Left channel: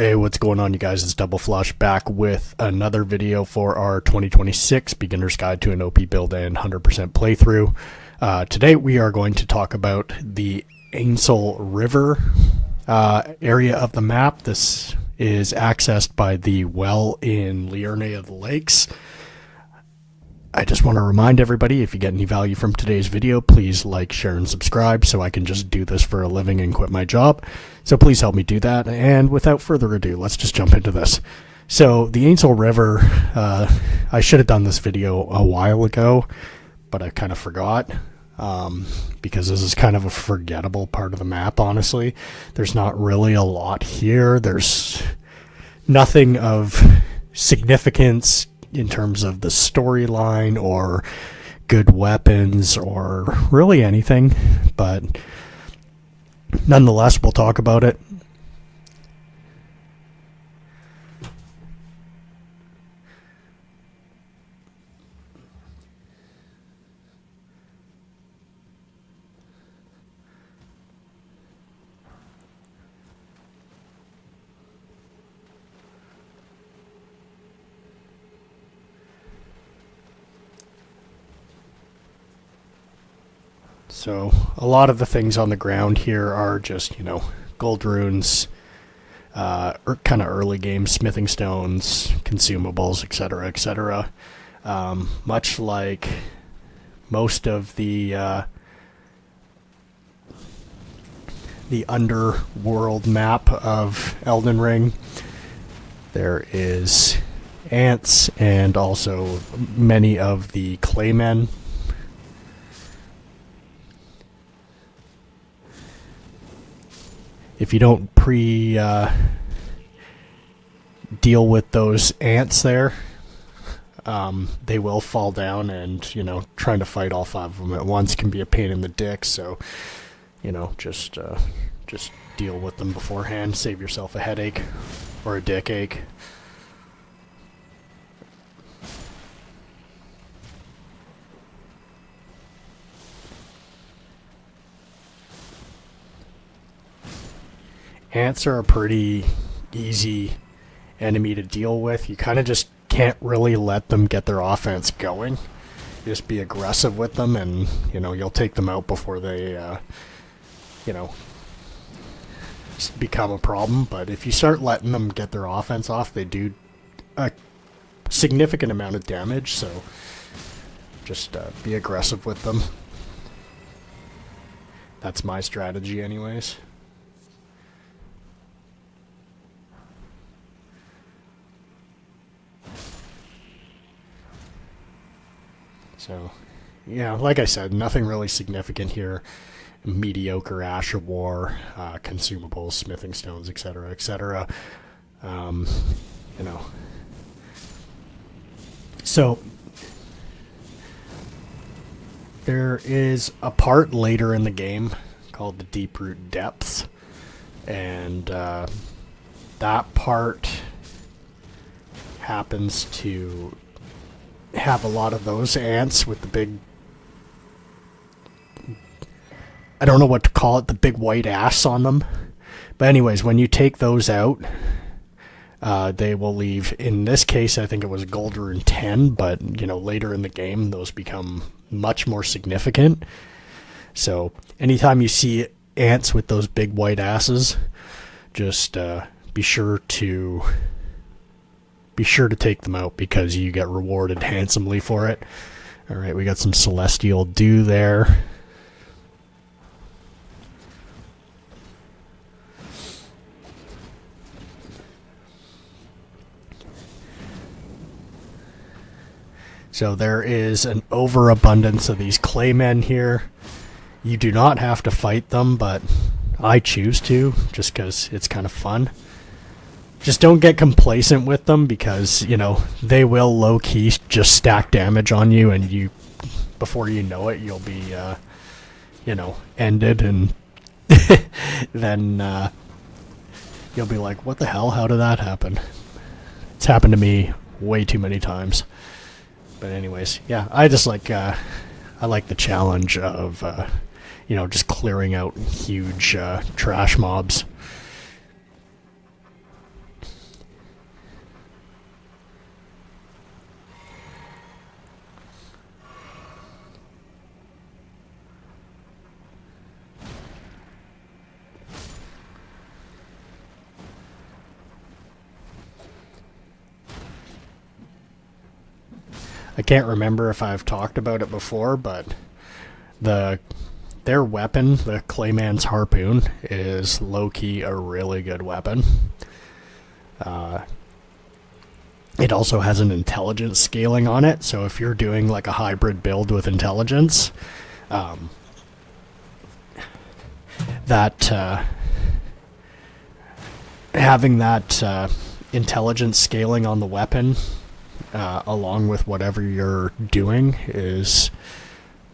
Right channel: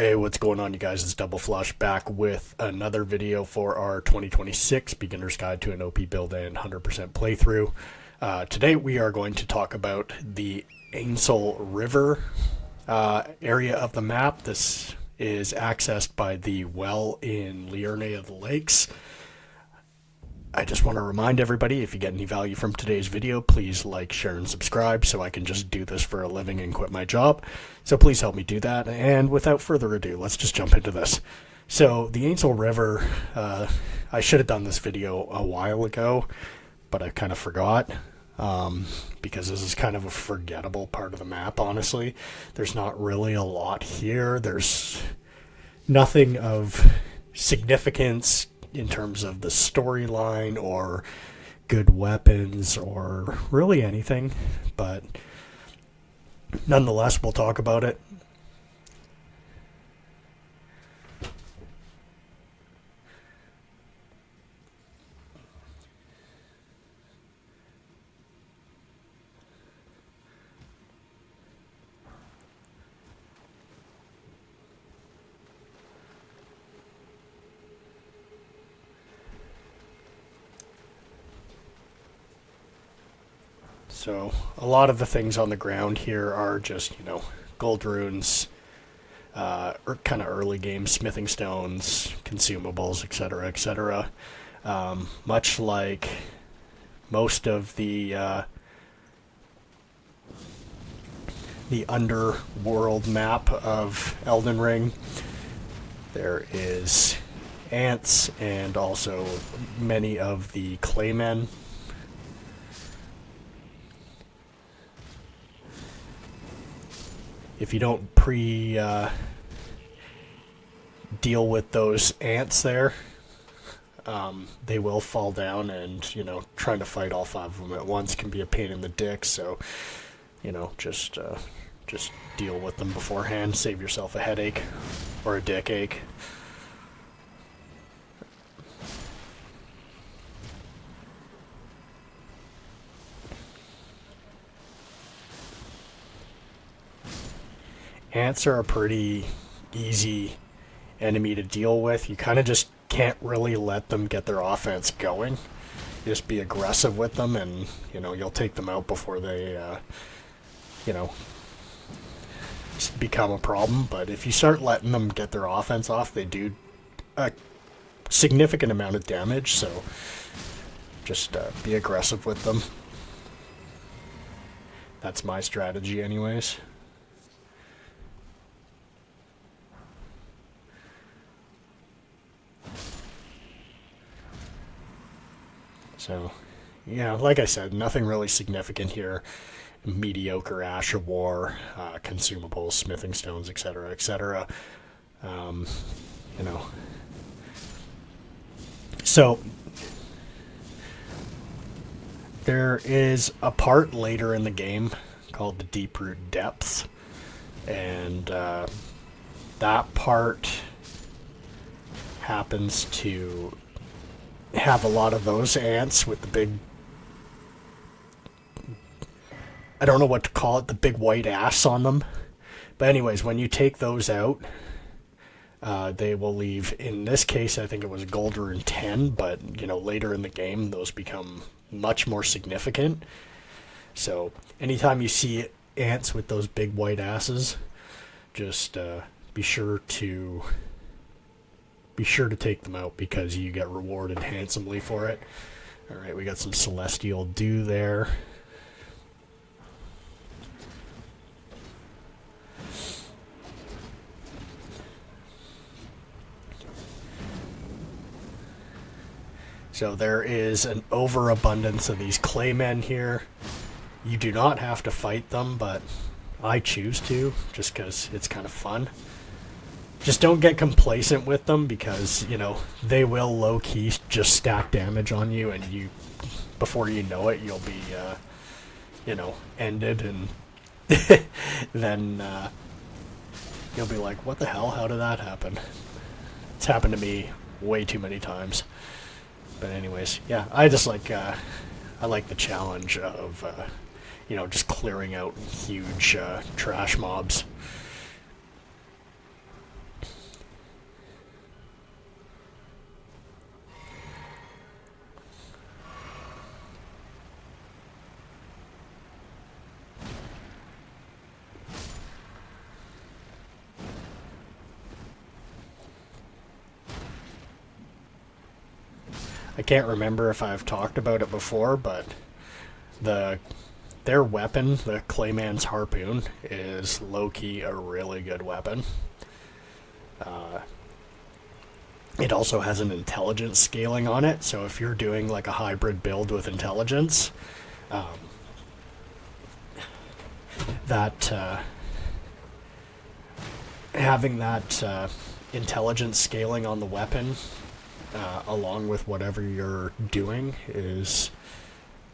Hey, what's going on, you guys? It's Double Flush back with another video for our 2026 Beginner's Guide to an OP Build and 100% Playthrough. Today we are going to talk about the Ainsel River area of the map. This is accessed by the well in Liurne of the Lakes. I just want to remind everybody, if you get any value from today's video, please like, share, and subscribe so I can just do this for a living and quit my job. So please help me do that. And without further ado, let's just jump into this. So the Ainsel River, I should have done this video a while ago, but I kind of forgot because this is kind of a forgettable part of the map, honestly. There's not really a lot here. There's nothing of significance in terms of the storyline or good weapons or really anything, but nonetheless, we'll talk about it. So a lot of the things on the ground here are just, gold runes, or kind of early game smithing stones, consumables, etc., etc. Much like most of the underworld map of Elden Ring, there is ants and also many of the claymen. If you don't deal with those ants there, they will fall down, and trying to fight all 5 of them at once can be a pain in the dick. So just deal with them beforehand, save yourself a headache or a dick ache. Ants are a pretty easy enemy to deal with. You kind of just can't really let them get their offense going. Just be aggressive with them, and you'll take them out before they become a problem. But if you start letting them get their offense off, they do a significant amount of damage. So just be aggressive with them. That's my strategy anyways. So, yeah, like I said, nothing really significant here. Mediocre Ash of War, consumables, smithing stones, etc., etc. So, there is a part later in the game called the Deep Root Depths, and that part happens to have a lot of those ants with the big, I don't know what to call it, the big white ass on them. But anyways, when you take those out, they will leave, in this case I think it was gold rune 10, but later in the game those become much more significant. So anytime you see ants with those big white asses, just be sure to take them out, because you get rewarded handsomely for it. Alright, we got some celestial dew there. So there is an overabundance of these claymen here. You do not have to fight them, but I choose to, just because it's kind of fun. Just don't get complacent with them, because, they will low-key just stack damage on you, and before you know it, you'll be, ended, and then you'll be like, what the hell? How did that happen? It's happened to me way too many times. But anyways, yeah, I just like, I like the challenge of, just clearing out huge trash mobs. I can't remember if I've talked about it before, but their weapon, the Clayman's Harpoon, is low-key a really good weapon. It also has an intelligence scaling on it, so if you're doing like a hybrid build with intelligence, that having that intelligence scaling on the weapon along with whatever you're doing is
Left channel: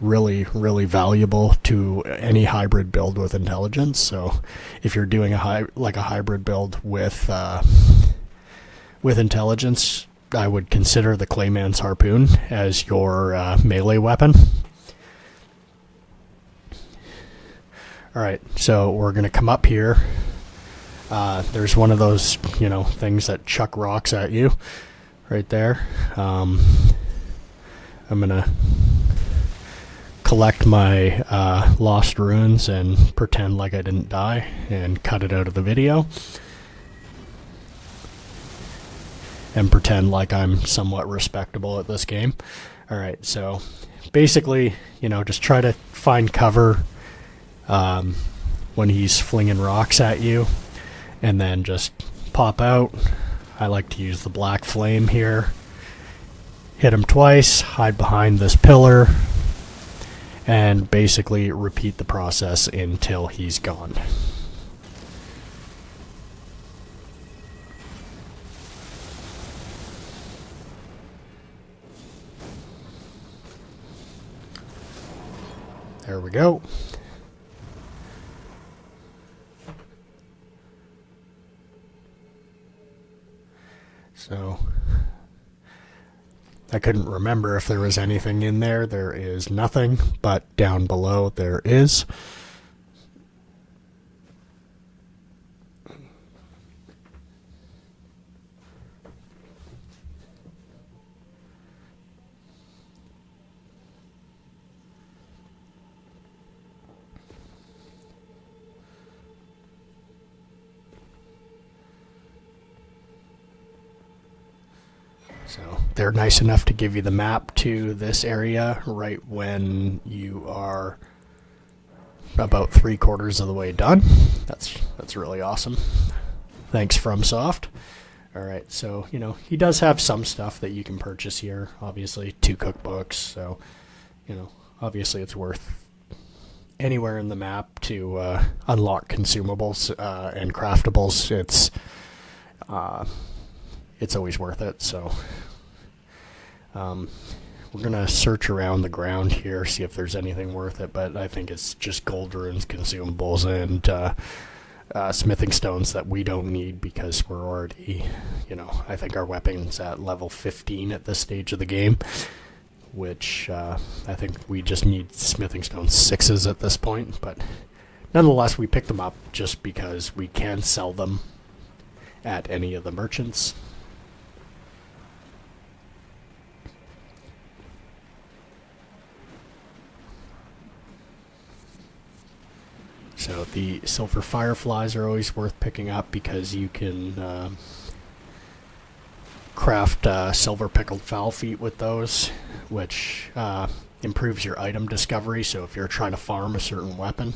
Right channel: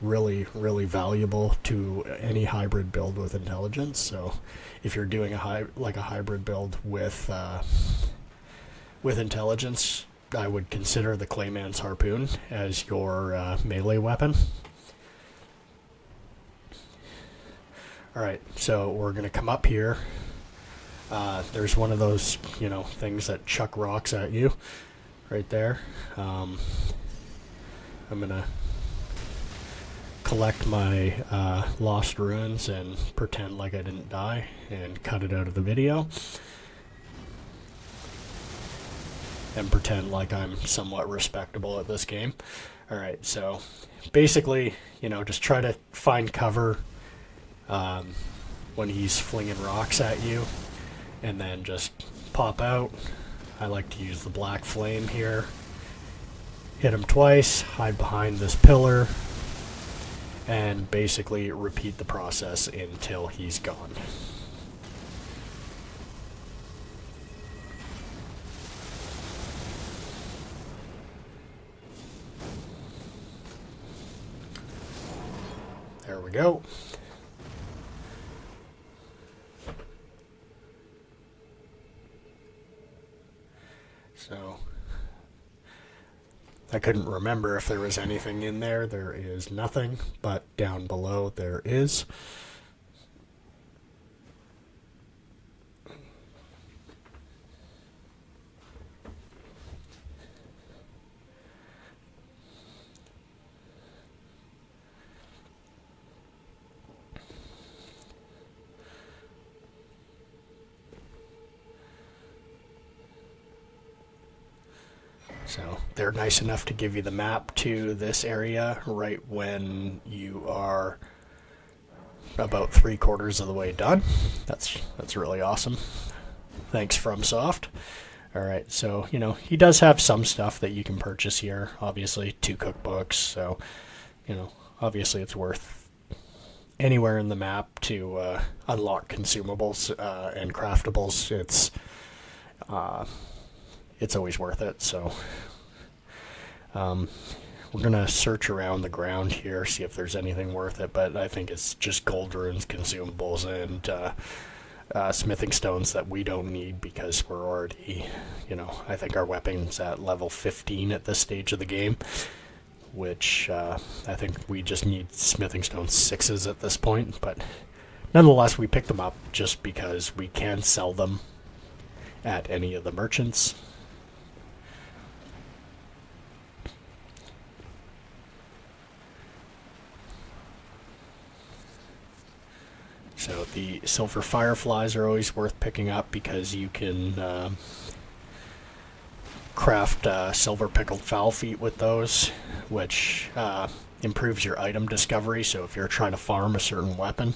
really, really valuable to any hybrid build with intelligence. So if you're doing a hybrid build with intelligence, I would consider the Clayman's Harpoon as your melee weapon. Alright, so we're going to come up here. There's one of those, things that chuck rocks at you right there. I'm going to collect my lost runes and pretend like I didn't die and cut it out of the video. And pretend like I'm somewhat respectable at this game. Alright, so basically, just try to find cover when he's flinging rocks at you, and then just pop out. I like to use the black flame here. Hit him twice, hide behind this pillar, and basically repeat the process until he's gone. There we go. So I couldn't remember if there was anything in there. There is nothing, but down below there is. So they're nice enough to give you the map to this area right when you are about 3/4 of the way done. That's really awesome. Thanks, FromSoft. Alright, so, he does have some stuff that you can purchase here. Obviously, 2 cookbooks, so, obviously it's worth anywhere in the map to unlock consumables and craftables. It's always worth it, so we're going to search around the ground here, see if there's anything worth it, but I think it's just gold runes, consumables, and smithing stones that we don't need because we're already, I think our weapon's at level 15 at this stage of the game, which I think we just need smithing stone 6s at this point, but nonetheless we picked them up just because we can sell them at any of the merchants. So the silver fireflies are always worth picking up because you can craft silver pickled fowl feet with those, which improves your item discovery. So if you're trying to farm a certain weapon,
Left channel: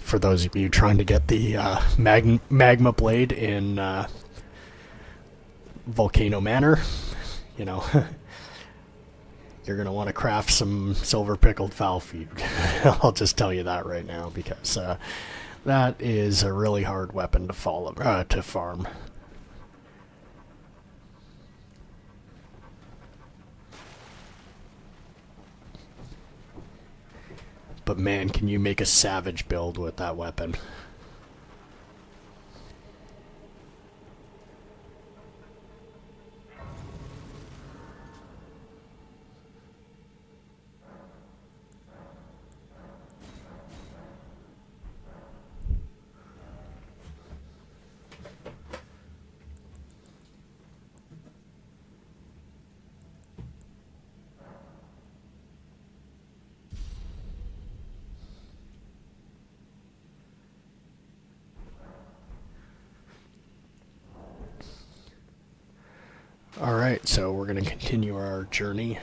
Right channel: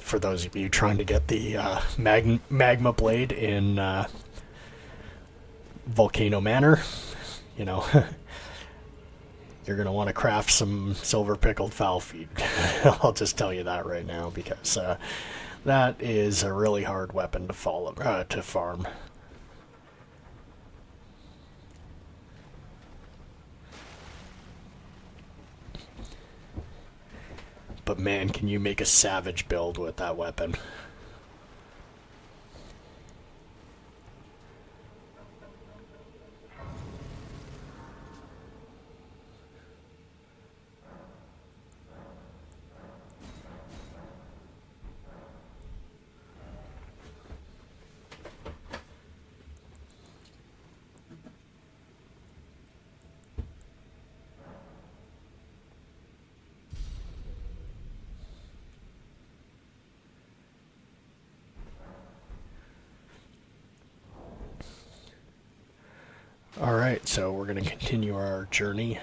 for those of you trying to get the magma blade in Volcano Manor, you're going to want to craft some silver pickled fowl feet. I'll just tell you that right now, because that is a really hard weapon to farm. But man, can you make a savage build with that weapon. Alright, so we're going to continue our journey.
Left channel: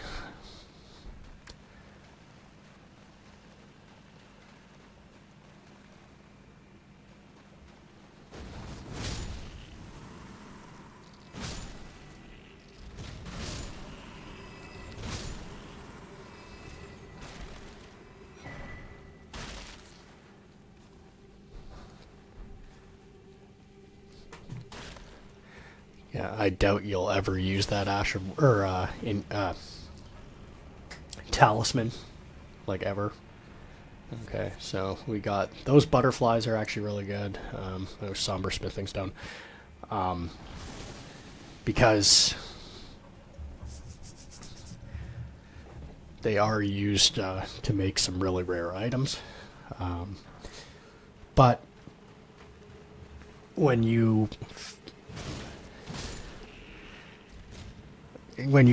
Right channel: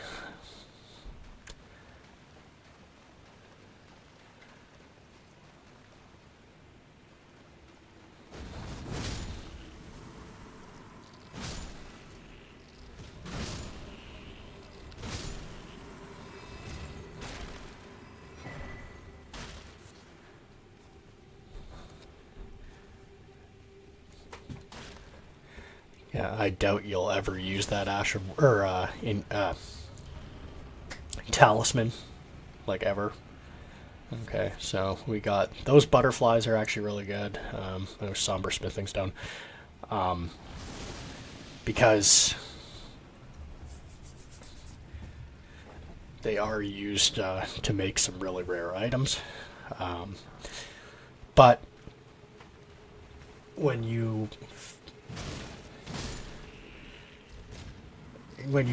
Yeah, I doubt you'll ever use that talisman, like ever. Okay, so we got those butterflies are actually really good. Those somber smithing stone, because they are used to make some really rare items. But when you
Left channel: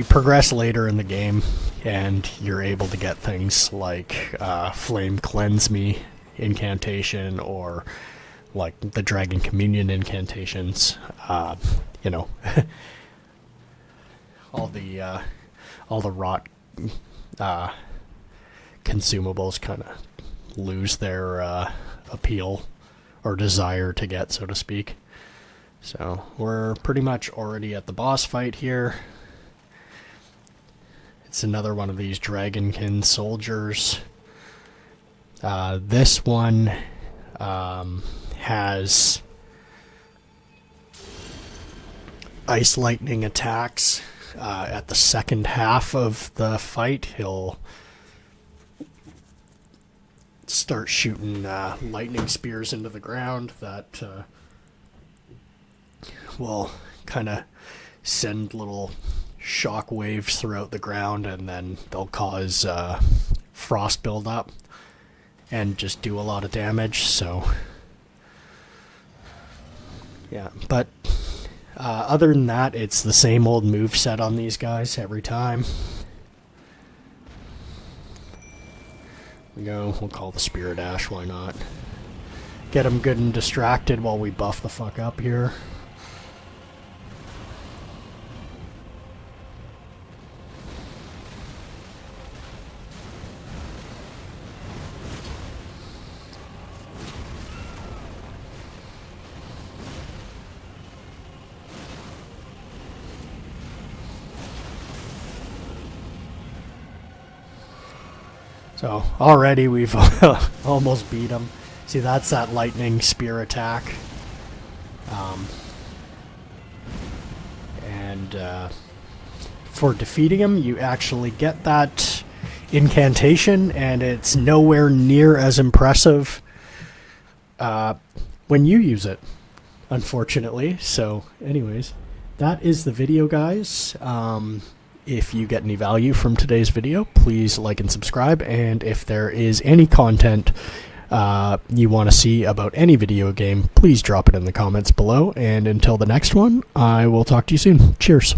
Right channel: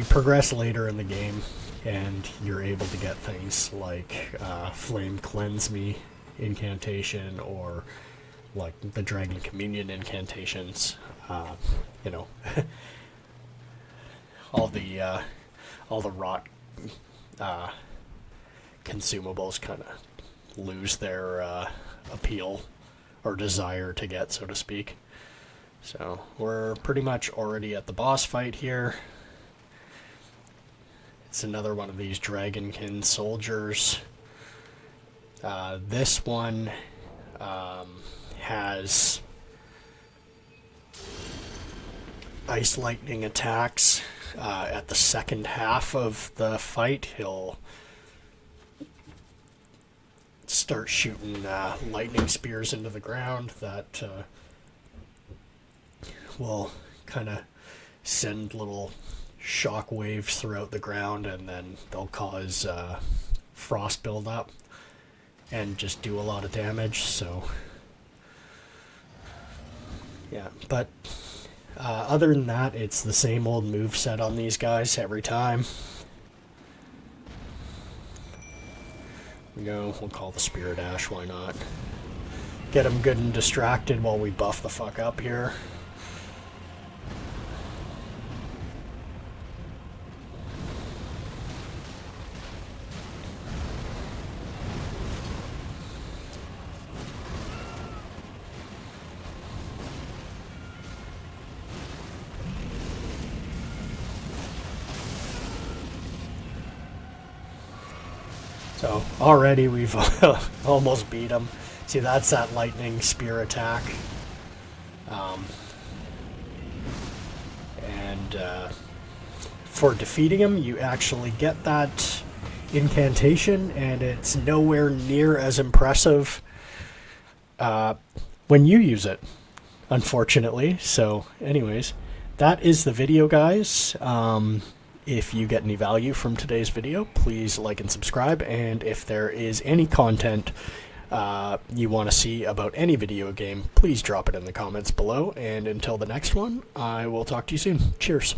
progress later in the game and you're able to get things like Flame Cleanse Me incantation or like the Dragon Communion incantations, you know, all the rot consumables kind of lose their appeal or desire to get, so to speak. So we're pretty much already at the boss fight here. It's another one of these Dragonkin soldiers. This one has ice lightning attacks. At the second half of the fight, he'll start shooting lightning spears into the ground that will kind of send little shock waves throughout the ground, and then they'll cause frost buildup and just do a lot of damage. So yeah, but other than that, it's the same old move set on these guys every time. We'll call the Spirit Ash, why not? Get them good and distracted while we buff the fuck up here. So already we've almost beat him. See, that's that lightning spear attack. For defeating him, you actually get that incantation, and it's nowhere near as impressive when you use it, unfortunately. So anyways, that is the video, guys. If you get any value from today's video, please like and subscribe. And if there is any content you want to see about any video game, please drop it in the comments below. And until the next one, I will talk to you soon. Cheers.